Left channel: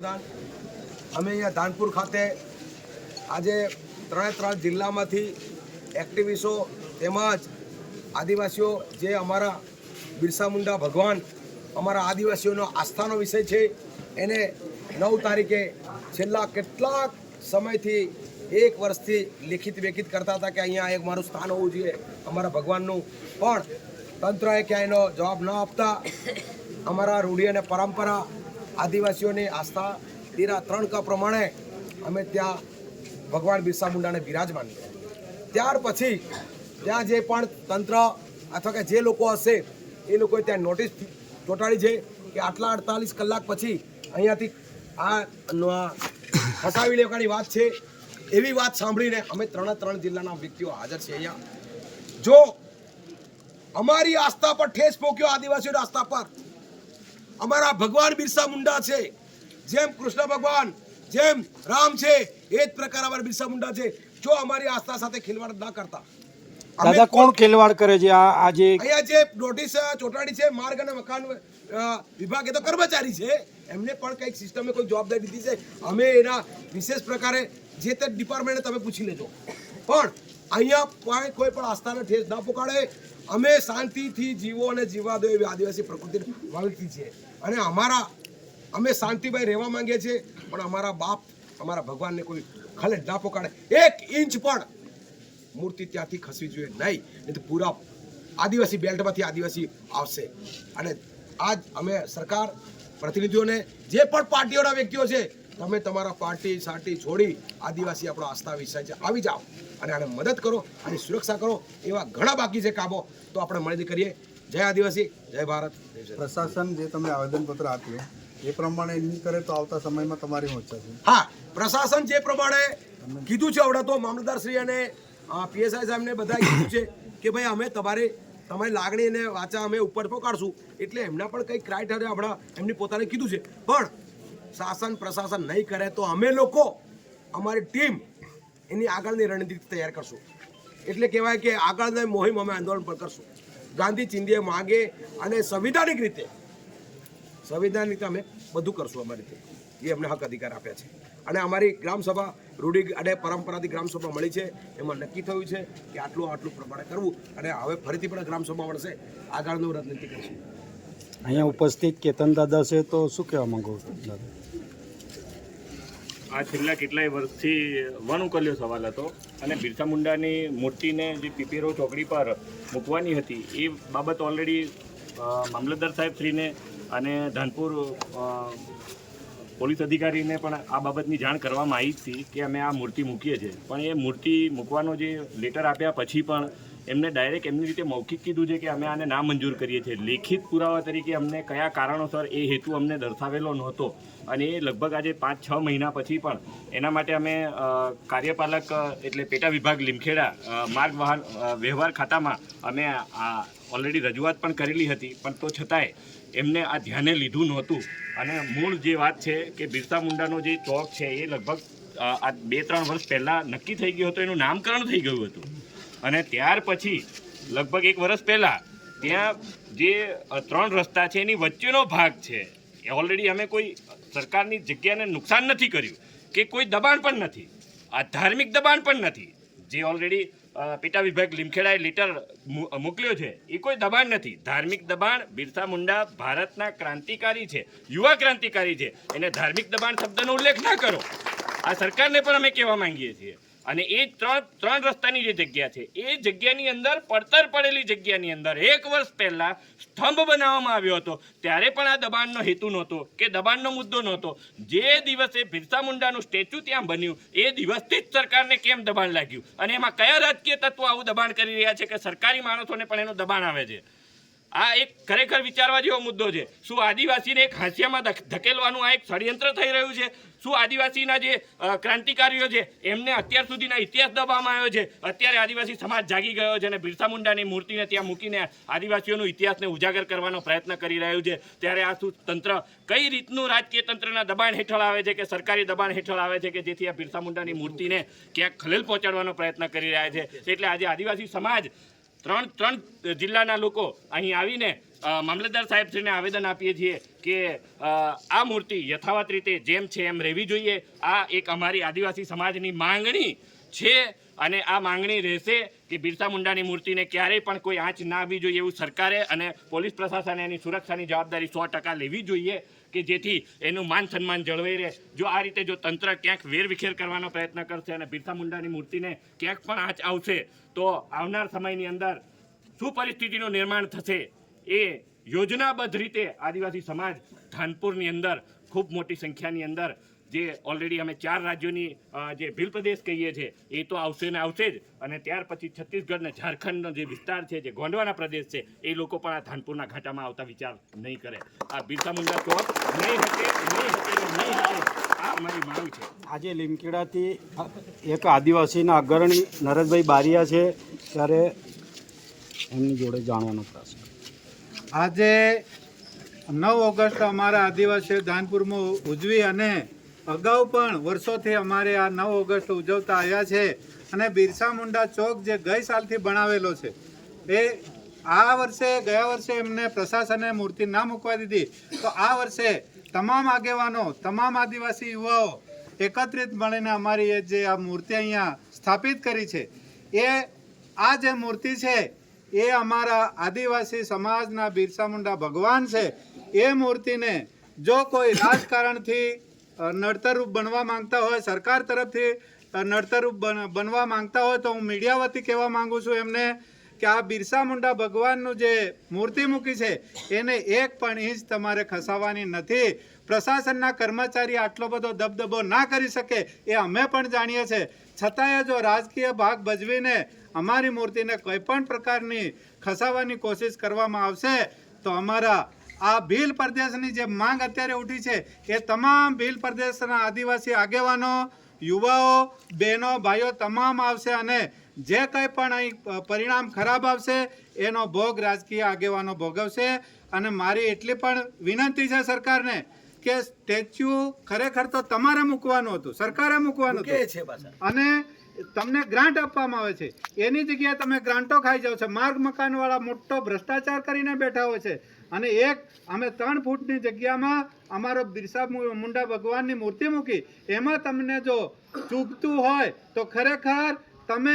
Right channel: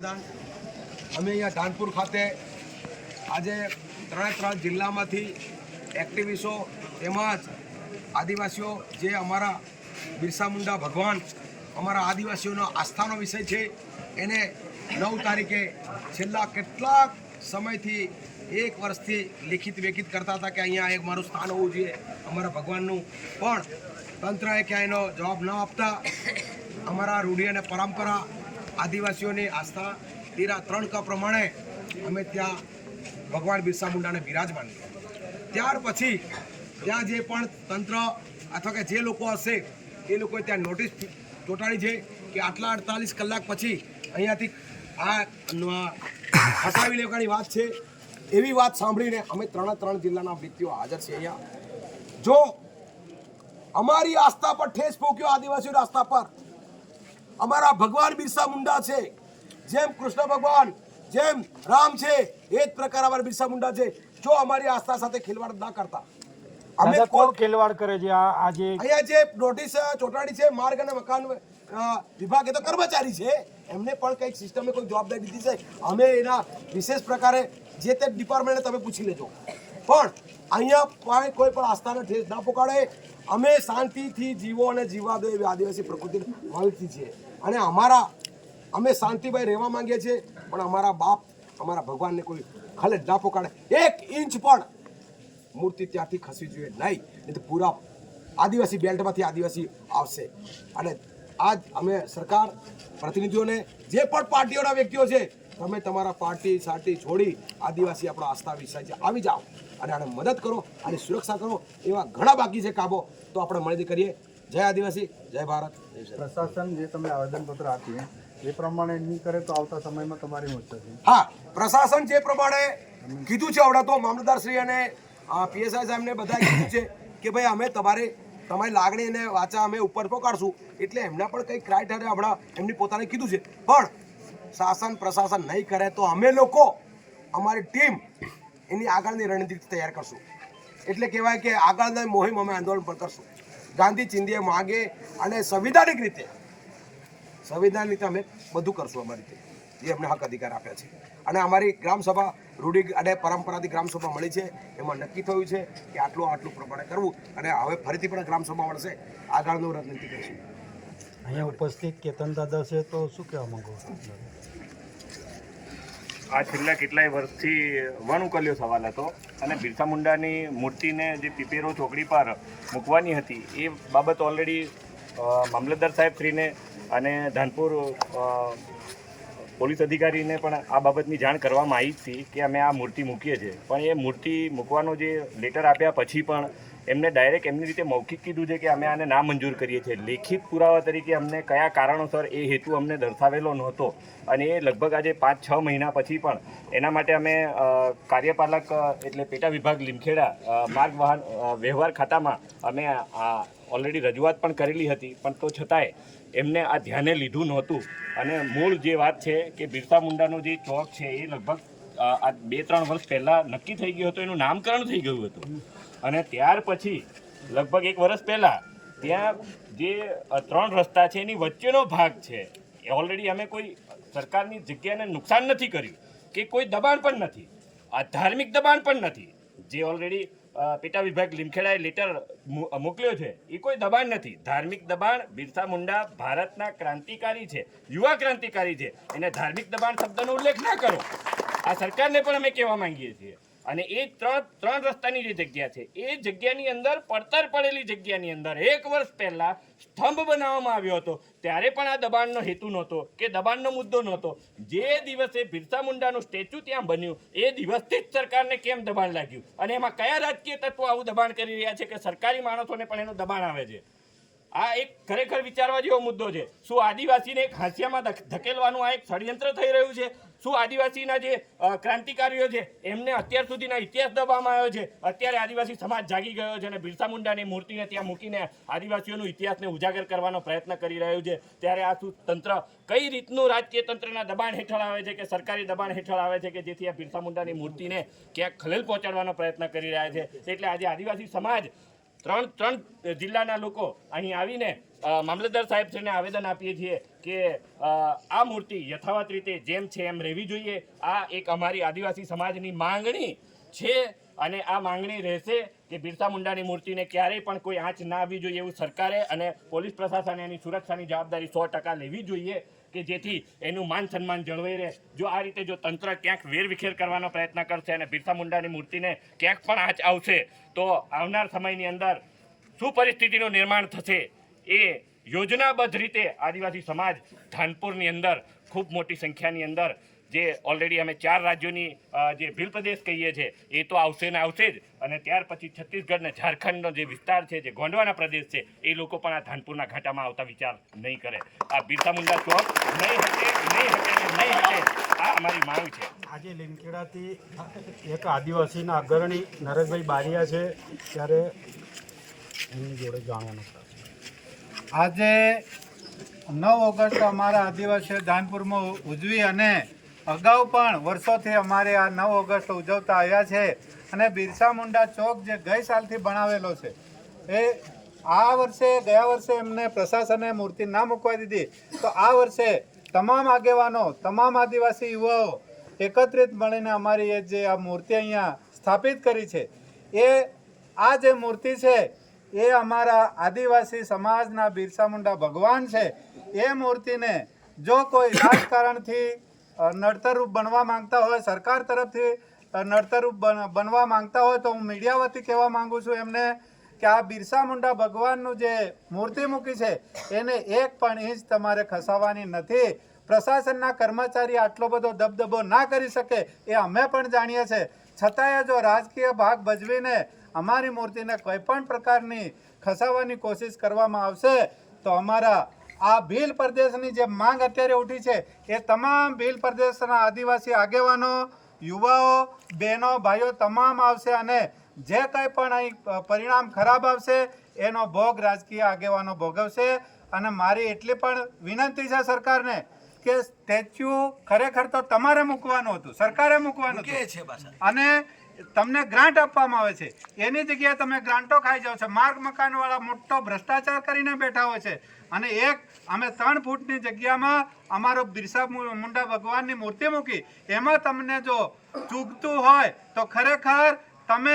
અમે અહીંયા ધાનપુર ખાતે આજે ત્રણે ત્રણ જિલ્લામાંથી એક્ટિવિસ્ટો તેમજ આદિવાસીઓ જે અમારા બિરસા મુંડા ભગવાન, અમારા આદિવાસીઓનો આસ્થાનો વિષય છે, એને નવ તારીખે છેલ્લા કેટલાક સમયથી એક વર્ષથી લેખિત વેખિત કરતા હતા કે અહીંયા એક મારું સ્થાન હોવું જોઈએ અમારા ભગવાનનું. પણ તંત્રએ ક્યાંય એનો જવાબ ન આપતા અમારા રૂઢિ અને પરંપરા આદિવાસીઓની આસ્થા તેરા ત્રણ ક પ્રમાણે અમે ત્યાં ભગવાન બિરસા મુંડાને બિરાજમાન ત્યાર પછી ત્યાં જે પણ તંત્ર અથવા કે જે લોકો હશે, એ લોકોએ ત્યાં નોટિસ ચોંટાડી છે કે આટલા અડતાલીસ કલાક પછી અહીંયાથી આ હટાવી લેવાની વાત છે. એવી વાત સાંભળીને અમે ત્રણે ત્રણ જિલ્લાના વ્યક્તિઓ હાજર છે અહીંયા. જો અમારી આસ્થા પર ઠેસ પોક્યો આદિવાસીઓની આસ્થા પર અમારા ભગવાન બિરસા મુંડા છે. જેમ કૃષ્ણ ભગવાન જેમ રામ છે એ જ પ્રકાર અમારા બિરસા મુંડા છે. જો અમારી આસ્થા સાથે ખેલવાડ ના કરતા. અમે કોણ ખેલવાડ કરે છે? આ આજે અહીંયા જે નોટિસ ચોટાડી છે માર્ગ અને મકાન વિભાગ એ તો કર્મચારી છે. એમને પણ કંઈક સિસ્ટમે કોઈ જવાબદારી દીધી છે. અમે એના વિશેષ પ્રકારે જે તે ડિપાર્ટમેન્ટને તમે પૂછી લેજો. પણ અહીંયા કોઈ કોઈ પણ આસ્થાનો ઠેસ ના પોકાડે. અમે શાંતિથી જીવો અને જીવા દો એવી આદિવાસી પ્રકૃતિને માનતી છીએ અને અમારા, અમે શાંતિભાઈ રહેવા માંગીએ છીએ, પણ અમારા બાપ, અમારા ભગવાનને કોઈ ખલેડ ના પોકાડે. એક ઇંચ પણ મૂર્તિ ત્યાંથી ખસવી જોઈએ નહીં નહીં તો પૂરા આદિવાસી બેલ્ટમાંથી આદિવાસી આવશે. અને આજ અમે સરકાર, પ્રતિનિધિઓને જે પણ પાર્ટીઓના વ્યક્તિઓ છે, તમે તમારા પાર્ટી સાટી છોડી આદિવાસી આપણો આસ્થા વિષય છે આવી જાઓ. અને આને મદદ કરો, આની સુરક્ષા કરો, એવા ઘણા બાકી છે કામો તો આપણે મળીને કરીએ. જય આદિવાસી જય ભારત. પ્રશાસન જે તમે આવેદનપત્ર આપ્યું એ પ્રમાણે નહીં કરે તો આવતા સમયમાં તમારી મોરચા છે હા પ્રશાસન જે પ્રમાણે કીધું છે આવડા તો મામલતદારશ્રી અને પીએસઆઈ સાહેબને બધાએ કીધું છે કે ભાઈ અમે તમારી તમારી લાગણી અને વાચા અમે ઉપર પહોંચાડશું એટલે એમના પણ કંઈક ક્રાઇટેરિયા આપણા એમની પોતાને કીધું છે. પણ શાસન પ્રશાસન નહીં કરે તો અમે લોકો અમારી ટીમ એની આગળની રણનીતિ તૈયાર કરશું. એટલે કહેવાય કે આગળની મોહિમ અમે આંદોલન પણ કરશું. ગાંધી ચિંધીએ માગે અને સંવિધાનિક રીતે સંવિધાન રીતે અમે બધું કરશું અમારી રીતે. એ અમને હક અધિકાર આપ્યા છે. અને અમારી ગ્રામસભા રૂઢિ અને પરંપરાથી ગ્રામસભા મળી છે. એમાં નક્કી થયું છે કે આટલું આટલું પ્રમાણે કરવું અને હવે ફરીથી પણ ગ્રામસભા મળશે. આગળનું રાજનીતિ કરીશું. અહીંયા ઉપસ્થિત કેતન દાદા છે તો શું કહેવા માંગો છો? આ છેલ્લા કેટલાય વર્ષથી વન ઉકલ્યો સવાલ હતો અને બિરસા મુંડાની મૂર્તિને જે પીપેરો ચોકડી પર મૂકવાની હતી, એ બાબત ઓલરેડી મામલતદાર સાહેબ શ્રીને અને ધાનપુર પોલીસ અધિકારીને પણ આ બાબતની જાણ કરવામાં આવી હતી કે અમે આ મૂર્તિ મૂકીએ છીએ. પણ એ મૂર્તિ મૂકવાનો જે લેટર આપ્યા પછી પણ એમને ડાયરેક્ટ એમની રીતે મૌખિક કીધું છે કે અમે આને ના મંજૂર કરીએ છીએ. લેખિત પુરાવા તરીકે અમને કયા કારણોસર એ હેતુ અમને દર્શાવેલો નહોતો અને એ લગભગ આજે પાંચ, છ મહિના પછી પણ એના માટે અમે કાર્યપાલક એટલે પેટા વિભાગ લીમખેડા માર્ગ વાહન વ્યવહાર ખાતામાં અમે આ ઓલરેડી રજૂઆત પણ કરેલી હતી. પણ તો છતાંય એમને આ ધ્યાને લીધું નહોતું. અને મૂળ જે વાત છે કે બિરસા મુંડાનો જે ચોક છે એ લગભગ આ બે, ત્રણ વર્ષ પહેલાં નક્કી થઈ ગયું હતું. એનું નામકરણ થઈ ગયું હતું. અને ત્યાર પછી, લગભગ એક વર્ષ પહેલાં, ત્યાં જે ત્રણ રસ્તા છે એની વચ્ચેનો ભાગ છે. એ ઓલરેડી અમે કોઈ સરકારની જગ્યાને નુકસાન નથી કર્યું, કે કોઈ દબાણ પણ નથી. આ ધાર્મિક દબાણ પણ નથી. જે ઓલરેડી પેટા વિભાગ લીમખેડાએ લેટર મોકલ્યો છે, એ કોઈ દબાણ નથી. ધાર્મિક દબાણ બિરસા મુંડા ભારતના ક્રાંતિકારી છે, યુવા ક્રાંતિકારી છે. એને ધાર્મિક દબાણ શબ્દનો ઉલ્લેખ ના કરો. આ સરકારને પણ અમે કહેવા માંગીએ છીએ. અને એ ત્રણ ત્રણ રસ્તાની જે જગ્યા છે, એ જગ્યાની અંદર પડતર પડેલી જગ્યાની અંદર એક વર્ષ પહેલા સ્તંભ બનાવવામાં આવ્યો હતો. ત્યારે પણ આ દબાણનો હેતુ નહોતો કે દબાણનો મુદ્દો નહોતો. જે દિવસે બિરસા મુંડાનું સ્ટેચ્યુ ત્યાં બન્યું, એ દિવસથી જ સરકારને કેમ દબાણ લાગ્યું? અને એમાં કયા રાજકીય તત્વો આવું દબાણ કરી રહ્યા છે કે સરકારી માણસોને પણ એનું દબાણ આવે છે? આ એક ખરેખર વિચારવા જેવો મુદ્દો છે. શું આદિવાસીને એક હાંસિયામાં ધકેલવાનું આ એક ષડયંત્ર થઈ રહ્યું છે? શું આદિવાસીના જે ક્રાંતિકારીઓ છે, એમને અત્યાર સુધીના ઇતિહાસ દબાવવામાં આવ્યો છે? અત્યારે આદિવાસી સમાજ જાગી ગયો છે અને બિરસા મુંડાની મૂર્તિને ત્યાં મૂકીને આદિવાસીઓનું ઇતિહાસને ઉજાગર કરવાનો પ્રયત્ન કરી રહ્યું છે. ત્યારે આ શું તંત્ર, કઈ રીતનું રાજકીય તંત્રના દબાણ હેઠળ આવે છે કે સરકારી દબાણ હેઠળ આવે છે કે જેથી આ બિરસા મુંડાની મૂર્તિને ક્યાંક ખલેલ પહોંચાડવાનો પ્રયત્ન કરી રહ્યા છે? એટલે આજે આદિવાસી સમાજ ત્રણ ત્રણ જિલ્લાના લોકો અહીં આવીને મામલતદાર સાહેબશ્રીને આવેદન આપીએ છીએ કે આ મૂર્તિ યથાવત રીતે જેમ છે એમ રહેવી જોઈએ. આ એક અમારી આદિવાસી સમાજની માંગણી છે અને આ માંગણી રહેશે કે બિરસા મુંડાની મૂર્તિને ક્યારેય પણ કોઈ આંચ ના આવવી જોઈએ એવું સરકારે અને પોલીસ પ્રશાસને એની સુરક્ષાની જવાબદારી સો ટકા લેવી જોઈએ કે જેથી એનું માન સન્માન જળવાઈ રહે. જો આ રીતે જો તંત્ર ક્યાંક વેરવિખેર કરવાનો પ્રયત્ન કરશે અને બિરસા મુંડાની મૂર્તિને ક્યાંક પણ આંચ આવશે તો આવનાર સમયની અંદર શું પરિસ્થિતિનું નિર્માણ થશે એ યોજનાબદ્ધ રીતે આદિવાસી સમાજ ધાનપુરની અંદર ખૂબ મોટી સંખ્યાની અંદર જે ઓલરેડી અમે ચાર રાજ્યોની જે ભીલ પ્રદેશ કહીએ છીએ, એ તો આવશે ને આવશે જ. અને ત્યાર પછી છત્તીસગઢ ને ઝારખંડનો જે વિસ્તાર છે, જે ગોંડવાના પ્રદેશ છે, એ લોકો પણ આ ધાનપુરના ઘાટામાં આવતા વિચાર નહીં કરે. આ બિરસા મુંડા ચોક નહીં હટે નહીં હટે નહીં હટે, આ અમારી માંગ છે. આજે લીમખેડાથી એક આદિવાસીના અગ્રણી નરેશભાઈ બારિયા છે ત્યારે એમની જોડે જાણવાનું થશે આજે નવ ઓગસ્ટ અમારા આદિવાસીઓ ધાનપુરમાં ઉજવી અને અગાઉ પણ વર્ષોથી અમારે આ નવ ઓગસ્ટ ઉજવતા આવ્યા છે અને બિરસા મુંડા ચોક જે ગઈ સાલથી બનાવેલો છે, એ આ વર્ષે, ગયા વર્ષે એમને પ્રશાસને મૂર્તિ ના મૂકવા દીધી. તો આ વર્ષે તમામ આગેવાનો, તમામ આદિવાસી યુવાઓ એકત્રિત મળીને અમારી એ જે આ મૂર્તિ અહીંયા સ્થાપિત કરી છે, એ આ જે મૂર્તિ છે, એ અમારા આદિવાસી સમાજના બિરસા મુંડા ભગવાન છે. એ મૂર્તિને જો કોઈ રાજકારણથી નડતરરૂપ બનવા માંગતા હોય, સરકાર તરફથી નડતરરૂપ બનવા માંગતા હોય તો હું મીડિયા વતી કહેવા માંગુ છું એમને કે આ બિરસા મુંડા ભગવાનનું જે મૂર્તિ મૂકી છે, એને એક પણ ઇંચ તમારે ખસાવવાની નથી. પ્રશાસનના કર્મચારી આટલો બધો દબદબો ના કરી શકે એ અમે પણ જાણીએ છીએ. છતાંય જો રાજકીય ભાગ ભજવીને અમારી મૂર્તિને કોઈ પણ પ્રકારની ખસાવવાની કોશિશ કરવામાં આવશે, તો અમારા આ ભીલ પ્રદેશની જે માંગ અત્યારે ઉઠી છે એ તમામ ભીલ પ્રદેશના આદિવાસી આગેવાનો યુવાઓ બહેનો ભાઈઓ તમામ આવશે અને જે કંઈ પણ અહીં પરિણામ ખરાબ આવશે એનો ભોગ રાજકીય આગેવાનો ભોગવશે. અને મારી એટલી પણ વિનંતી છે સરકારને કે સ્ટેચ્યુ ખરેખર તો તમારે મૂકવાનું હતું સરકારે મૂકવાનું હતું. અને તમને ગ્રાન્ટ આપવામાં આવે છે. એની જગ્યાએ તમે ગ્રાન્ટો ખાઈ જાઓ છો. માર્ગ મકાનવાળા મોટો ભ્રષ્ટાચાર કરીને બેઠા હોય છે. અને એક, અમે ત્રણ ફૂટની જગ્યામાં અમારો બિરસા મુંડા ભગવાનની મૂર્તિ મૂકી. એમાં તમને જો ચૂકતું હોય તો ખરેખર